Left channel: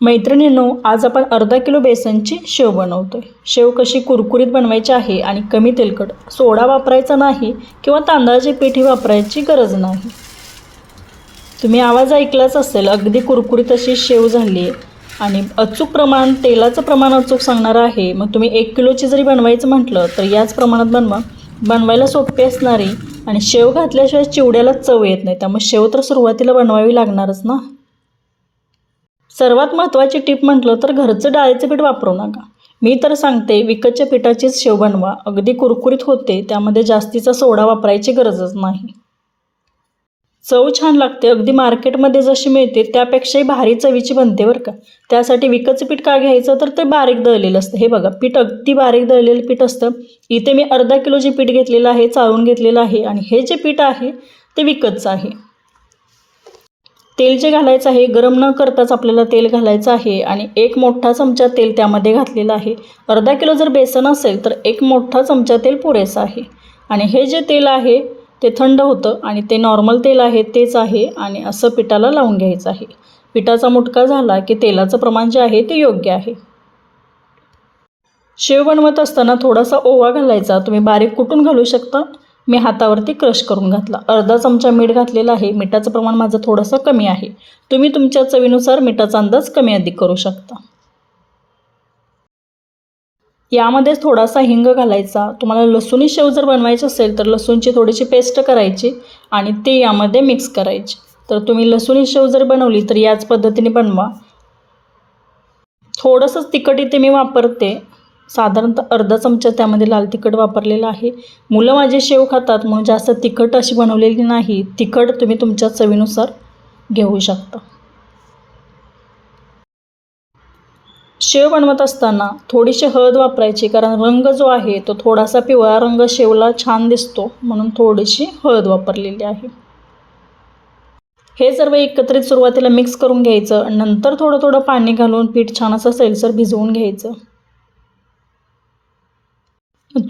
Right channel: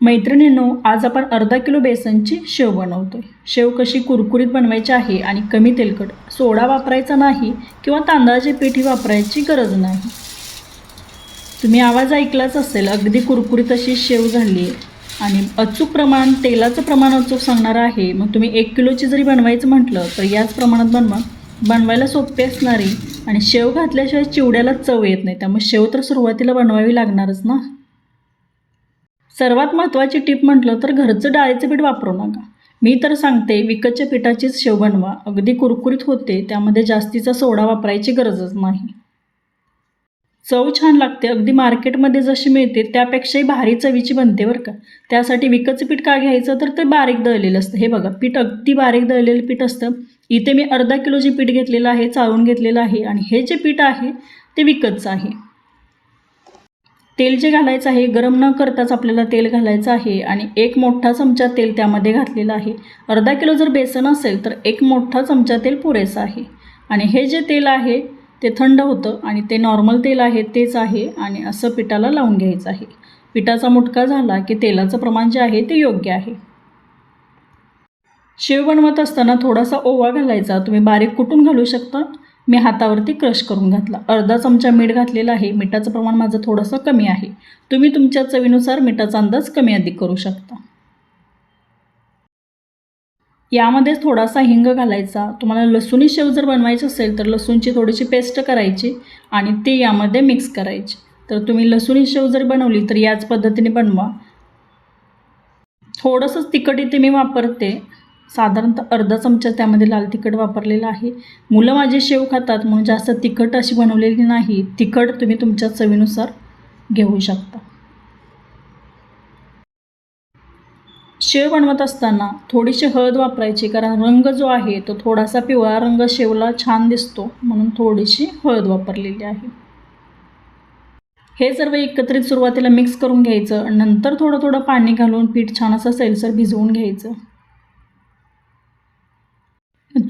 मैत्रिणींनो आज आपण अर्धा किलो बेसनची शेव बनवतोय. शेव कशी कुरकुरीत बनवायची आहे आणि कमी तेलकट सोडा वापरायचा नाही किंवा तांदळाची पिठी वापरायची गरज नाही. तुम्ही आवाज ऐकलाच असेल अगदी कुरकुरीत अशी शेव झाली आहे. आणि अचूक प्रमाण तेलाचं प्रमाण अचूक सांगणार आहे. मग तुम्ही एक किलोची जरी बनवायचं म्हटलं तर याच प्रमाणात बनवा. बनवायला सोपी असणारी आणि शेव घातल्याशिवाय चिवड्याला चव येत नाही. त्यामुळे शेव तर सुरुवातीला बनवावी लागणारच ना? सर्वात महत्त्वाची टीप म्हटलं तर घरचं डाळीचं पीठ वापरू नका. मी तर सांगते विकतच्या पिठाचीच शेव बनवा. अगदी कुरकुरीत होते त्यामध्ये जास्तीचा सोडा वापरायची गरजच नाही. चव छान लागते. अगदी मार्केटमध्ये जशी मिळते त्यापेक्षाही भारी चवीची बनते बरं का. त्यासाठी विकतचं पीठ का घ्यायचं? तर ते बारीक दळलेलं असतं. हे बघा पीठ अगदी बारीक दळलेलं पीठ असतं. इथे मी अर्धा किलो जे पीठ घेतलेलं आहे चाळून घेतलेलं आहे. आणि हे जे पीठ आहे ते विकतचं आहे. तेल जे घालायचं आहे गरम न करताच आपल्याला तेल घालायचं आहे आणि एक मोठा चमचा तेल त्यामध्ये घातलेला आहे. अर्धा किलो जर बेसन असेल तर एक मोठा चमचा तेल पुरेसा आहे. आणि हे जे तेल आहे ते थंड होतं आणि ते नॉर्मल तेल आहे तेच आहे आणि असं पिठाला लावून घ्यायचं आहे. पिठाचा मुटका झाला की तेलाचं प्रमाण जे आहे ते योग्य आहे. शेव बनवत असताना थोडासा ओवा घालायचा. तुम्ही बारीक कुटून घालू शकता. मी हातावरती क्रश करून घातला. अर्धा चमचा मीठ घातलेला आहे. मिठाचं प्रमाण माझं थोडंसं कमी आहे. तुम्ही तुमच्या चवीनुसार मिठाचा अंदाज कमी अधिक करू शकता. यामध्येच थोडासा हिंग घालायचा. तुम्हाला लसूणी शेव जर बनवायची असेल तर लसूणची थोडीशी पेस्ट करायची आणि ती यामध्ये मिक्स करायची. तर तुम्ही लसूणी शेव जर बनवली तर याच पद्धतीने बनवा. थोडंसंच तिखट इथे मी वापरते. साधारणतः अर्धा चमचा त्यामध्ये लाल तिखट वापरलेलं आहे. मुलं माझे शेव खातात म्हणून जास्त तिखट अशी बनवलेली नाही. तिखट तुम्ही तुमच्या चवीनुसार घेऊ शकता. शेव बनवत असताना थोडीशी हळद वापरायची कारण रंग जो आहे तो थोडासा पिवळा रंग शेवला छान दिसतो म्हणून थोडीशी हळद वापरलेली आहे. हे सर्व एकत्रित सुरुवातीला मिक्स करून घ्यायचं. नंतर थोडं थोडं पाणी घालून पीठ छान असं सैलसर भिजवून घ्यायचं.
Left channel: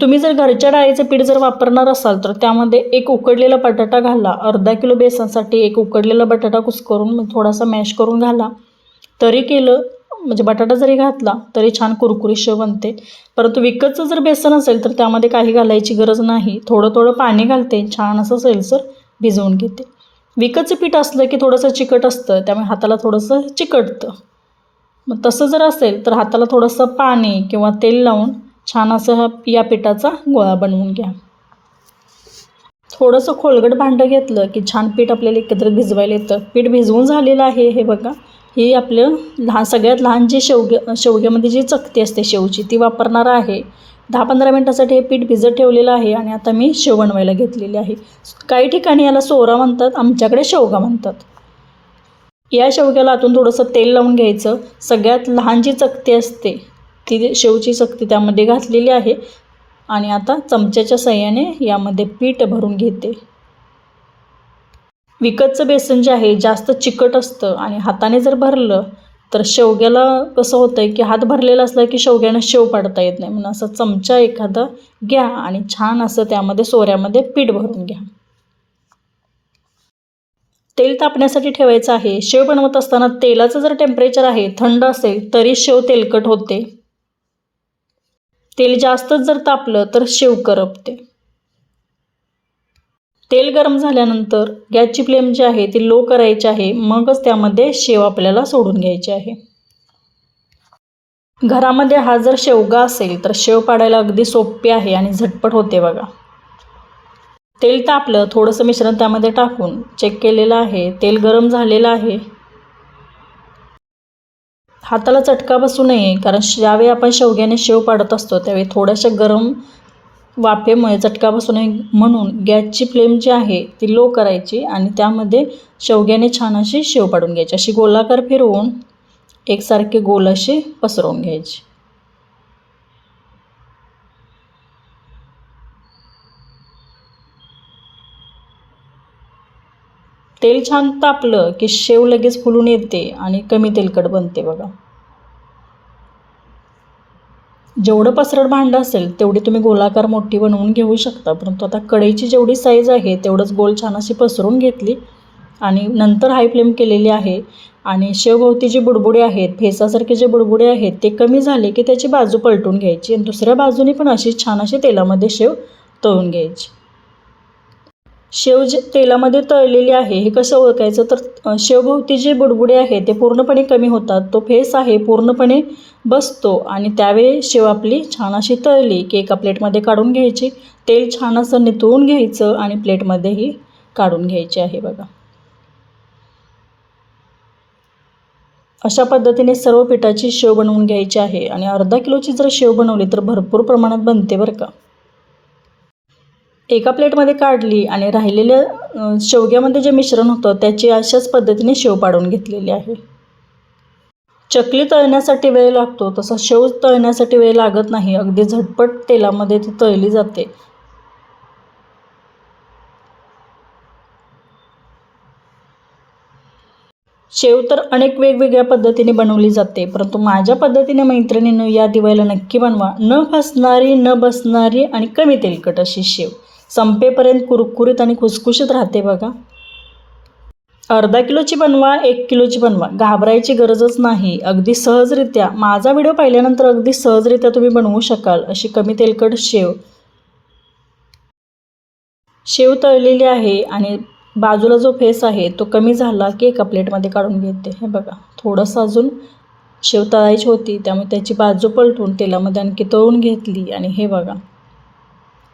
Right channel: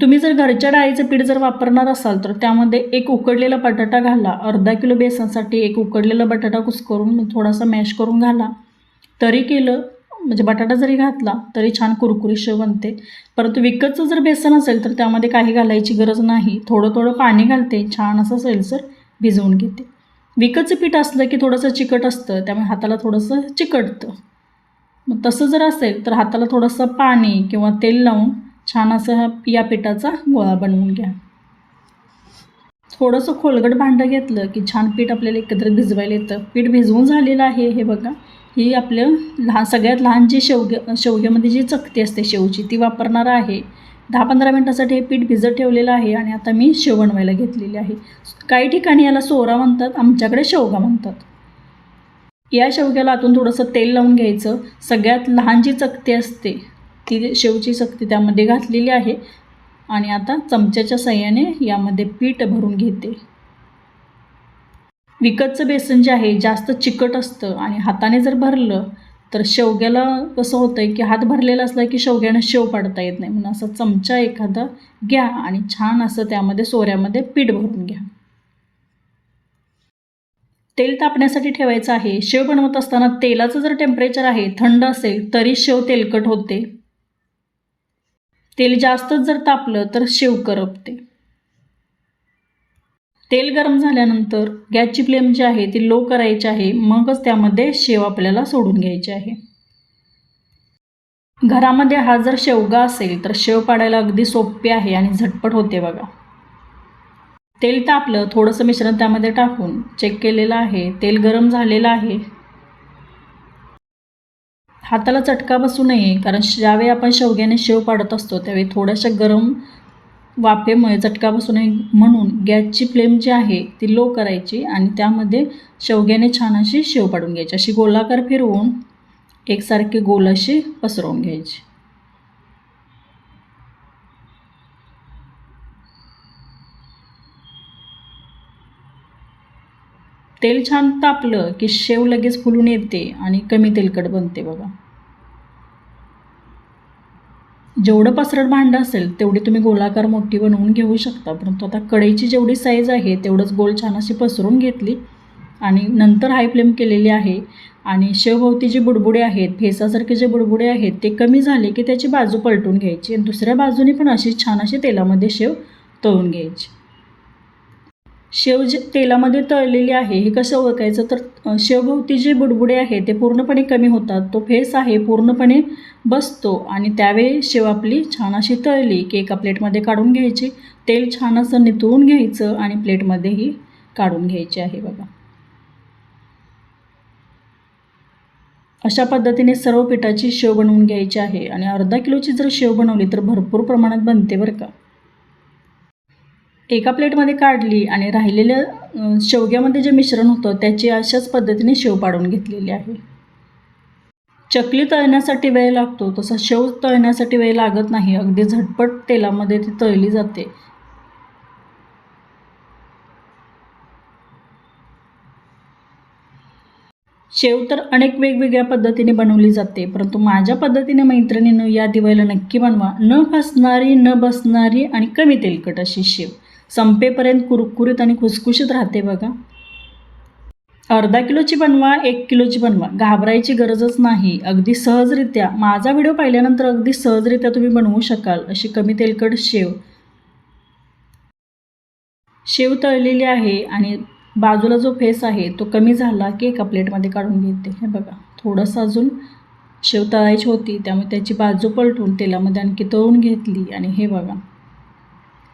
तुम्ही जर घरच्या डाळीचं पीठ जर वापरणार असाल तर त्यामध्ये एक उकडलेला बटाटा घाला. अर्धा किलो बेसनसाठी एक उकडलेला बटाटा कुस्करून मग थोडासा मॅश करून घाला. तरी केलं म्हणजे बटाटा जरी घातला तरी छान कुरकुरीश बनते. परंतु विकतचं जर बेसन असेल तर त्यामध्ये काही घालायची गरज नाही. थोडं थोडं पाणी घालते. छान असं सैलसर भिजवून घेते. विकतचं पीठ असलं की थोडंसं चिकट असतं त्यामुळे हाताला थोडंसं चिकटतं. मग तसं जर असेल तर हाताला थोडंसं पाणी किंवा तेल लावून छान असं हा या पिठाचा गोळा बनवून घ्या. थोडंसं खोलगट भांडं घेतलं की छान पीठ आपल्याला एकत्र भिजवायला येतं. पीठ भिजवून झालेलं आहे हे बघा. ही आपलं लहान सगळ्यात लहान जी शेवगे शेवग्यामध्ये जी चकती असते शेवची ती वापरणार आहे. दहा पंधरा मिनटासाठी हे पीठ भिजत ठेवलेलं आहे आणि आता मी शेव बनवायला घेतलेली आहे. काही ठिकाणी याला सोरा म्हणतात आमच्याकडे शेवगा म्हणतात. या शेवग्याला आतून थोडंसं तेल लावून घ्यायचं. सगळ्यात लहान जी चकती असते ती शेवची सक्ती त्यामध्ये घातलेली आहे. आणि आता चमच्याच्या सहाय्याने यामध्ये पीठ भरून घेते. विकतचं बेसन जे आहे जास्त चिकट असतं आणि हाताने जर भरलं तर शेवग्याला कसं होतं आहे की हात भरलेला असला की शेवग्यानं शेव पाडता येत नाही. म्हणून असं चमचा एखादा घ्या आणि छान असं त्यामध्ये सोऱ्यामध्ये पीठ भरून घ्या. तेल तापण्यासाठी ठेवायचं आहे. शेव बनवत असताना तेलाचं जर टेम्परेचर आहे थंड असेल तरी शेव तेलकट होते. तेल जास्तच जर तापलं तर शेव करपते. तेल गरम झाल्यानंतर गॅसची फ्लेम जी आहे ती लो करायची आहे मगच त्यामध्ये शेव आपल्याला सोडून घ्यायची आहे. घरामध्ये हा जर शेवगा असेल तर शेव पाडायला अगदी सोपे आहे आणि झटपट होते बघा. तेल तापलं थोडंसं मिश्रण त्यामध्ये टाकून चेक केलेलं आहे. तेल गरम झालेलं आहे. हाताला चटका बसू नये कारण ज्यावेळी आपण शेवग्याने शेव पाडत असतो त्यावेळी थोड्याशा गरम वाफेमुळे चटका बसू नये म्हणून गॅसची फ्लेम जी आहे ती लो करायची आणि त्यामध्ये शेवग्याने छान अशी शेव पाडून घ्यायची. अशी गोलाकार फिरवून एकसारखे गोल असे पसरवून घ्यायचे. तेल छान तापलं की शेव लगेच फुलून येते आणि कमी तेलकट बनते बघा. जेवढं पसरट भांडं असेल तेवढी तुम्ही गोलाकार मोठी बनवून घेऊ शकता. परंतु आता कढईची जेवढी साईज आहे तेवढंच गोल छान अशी पसरून घेतली आणि नंतर हाय फ्लेम केलेली आहे आणि शेवभोवती जे बुडबुडे आहेत फेसासारखे जे बुडबुडे आहेत ते कमी झाले की त्याची बाजू पलटून घ्यायची आणि दुसऱ्या बाजूने पण अशी छान अशी तेलामध्ये शेव तळून घ्यायची. शेव जे तेलामध्ये तळलेली आहे हे कसं ओळखायचं? तर शेवभोवती जे बुडबुडे आहे ते पूर्णपणे कमी होतात. तो फेस आहे पूर्णपणे बसतो आणि त्यावेळी शेव आपली छान अशी तळली की एका प्लेटमध्ये काढून घ्यायची. तेल छान असं नितळून घ्यायचं आणि प्लेटमध्येही काढून घ्यायची आहे बघा. अशा पद्धतीने सर्व पिठाची शेव बनवून घ्यायची आहे आणि अर्धा किलोची जर शेव बनवली तर भरपूर प्रमाणात बनते बरं का. एका प्लेटमध्ये काढली आणि राहिलेल्या शेवग्यामध्ये जे मिश्रण होतं त्याची अशाच पद्धतीने शेव पाडून घेतलेली आहे. चकली तळण्यासाठी वेळ लागतो तसा शेव तळण्यासाठी वेळ लागत नाही. अगदी झटपट तेलामध्ये ती तळली जाते. शेव तर अनेक वेगवेगळ्या पद्धतीने बनवली जाते परंतु माझ्या पद्धतीने मैत्रिणीनं या दिवाळीला नक्की बनवा. न फसणारी न बसणारी आणि कमी तेलकट अशी शेव. संपेपर्यंत कुरकुरीत आणि खुसखुशीत राहते बघा. अर्धा किलोची बनवा एक किलोची बनवा. घाबरायची गरजच नाही. अगदी सहजरित्या. माझा व्हिडिओ पाहिल्यानंतर अगदी सहजरित्या तुम्ही बनवू शकाल अशी कमी तेलकट शेव. शेव तळलेली आहे आणि बाजूला जो फेस आहे तो कमी झाला की एका प्लेटमध्ये काढून घेते. हे बघा. थोडंसं अजून शेव तळायची होती त्यामुळे त्याची बाजू पलटून तेलामध्ये आणखी तळून घेतली. आणि हे बघा.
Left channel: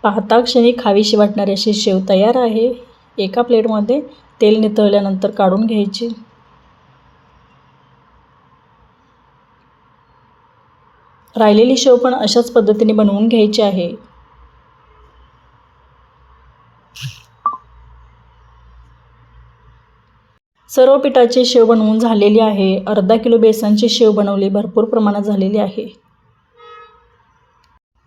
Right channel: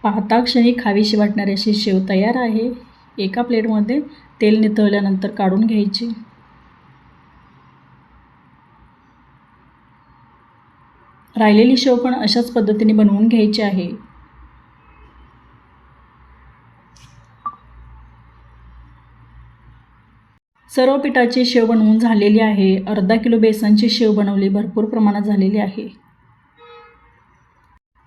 पाहता क्षणी खावीशी वाटणारी अशी शेव तयार आहे. एका प्लेटमध्ये तेल नितळल्यानंतर काढून घ्यायची. राहिलेली शेव पण अशाच पद्धतीने बनवून घ्यायची आहे. सर्व पिठाची शेव बनवून झालेली आहे. अर्धा किलो बेसनची शेव बनवली. भरपूर प्रमाणात झालेली आहे.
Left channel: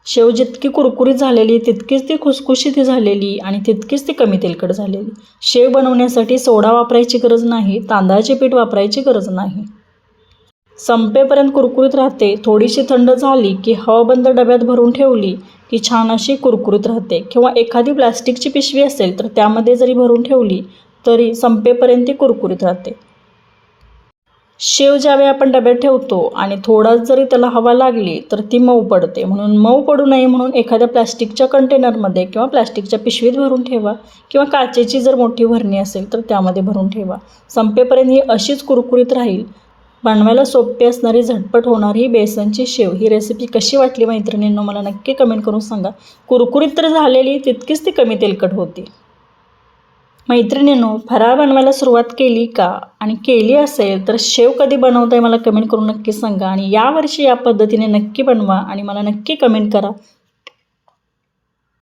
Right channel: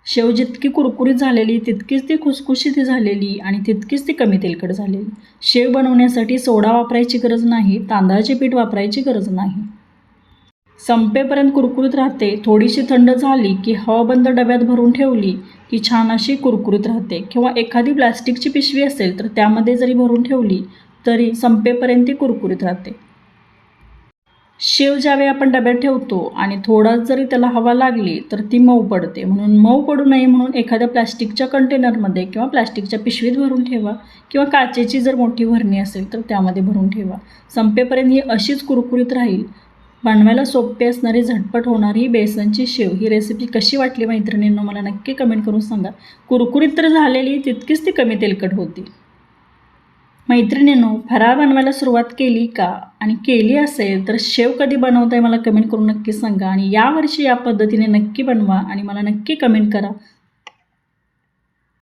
शेव जितकी कुरकुरीत झालेली तितकीच ती खुसखुशीत झालेली आणि तितकीच ती कमी तेलकट झालेली. शेव बनवण्यासाठी सोडा वापरायची गरज नाही तांदळाचे पीठ वापरायची गरज नाही. संपेपर्यंत कुरकुरीत राहते. थोडीशी थंड झाली की हवाबंद डब्यात भरून ठेवली की छान अशी कुरकुरीत राहते. किंवा एखादी प्लास्टिकची पिशवी असेल तर त्यामध्ये जरी भरून ठेवली तरी संपेपर्यंत ती कुरकुरीत राहते. शेव ज्यावेळी आपण डब्यात ठेवतो आणि थोडा जरी त्याला हवा लागली तर ती मऊ पडते. म्हणून मऊ पडू नये म्हणून एखाद्या प्लास्टिकच्या कंटेनरमध्ये किंवा प्लॅस्टिकच्या पिशवीत भरून ठेवा किंवा काचेची जर मोठी भरणी असेल तर त्यामध्ये भरून ठेवा. संपेपर्यंत ही अशीच कुरकुरीत राहील. बनवायला सोपी असणारी झटपट होणारी ही बेसनची शेव. ही रेसिपी कशी वाटली मैत्रिणींनो मला नक्की कमेंट करून सांगा. कुरकुरीत तर झालेली तितकीच ती कमी तेलकट होती. मैत्रिणींनो फराळ बनवायला सुरुवात केली का? आणि केली असेल तर शेव कधी बनवता आहे मला कमेंट करून नक्की सांगा. आणि यावर्षी या पद्धतीने नक्की बनवा आणि मला नक्की कमेंट करा.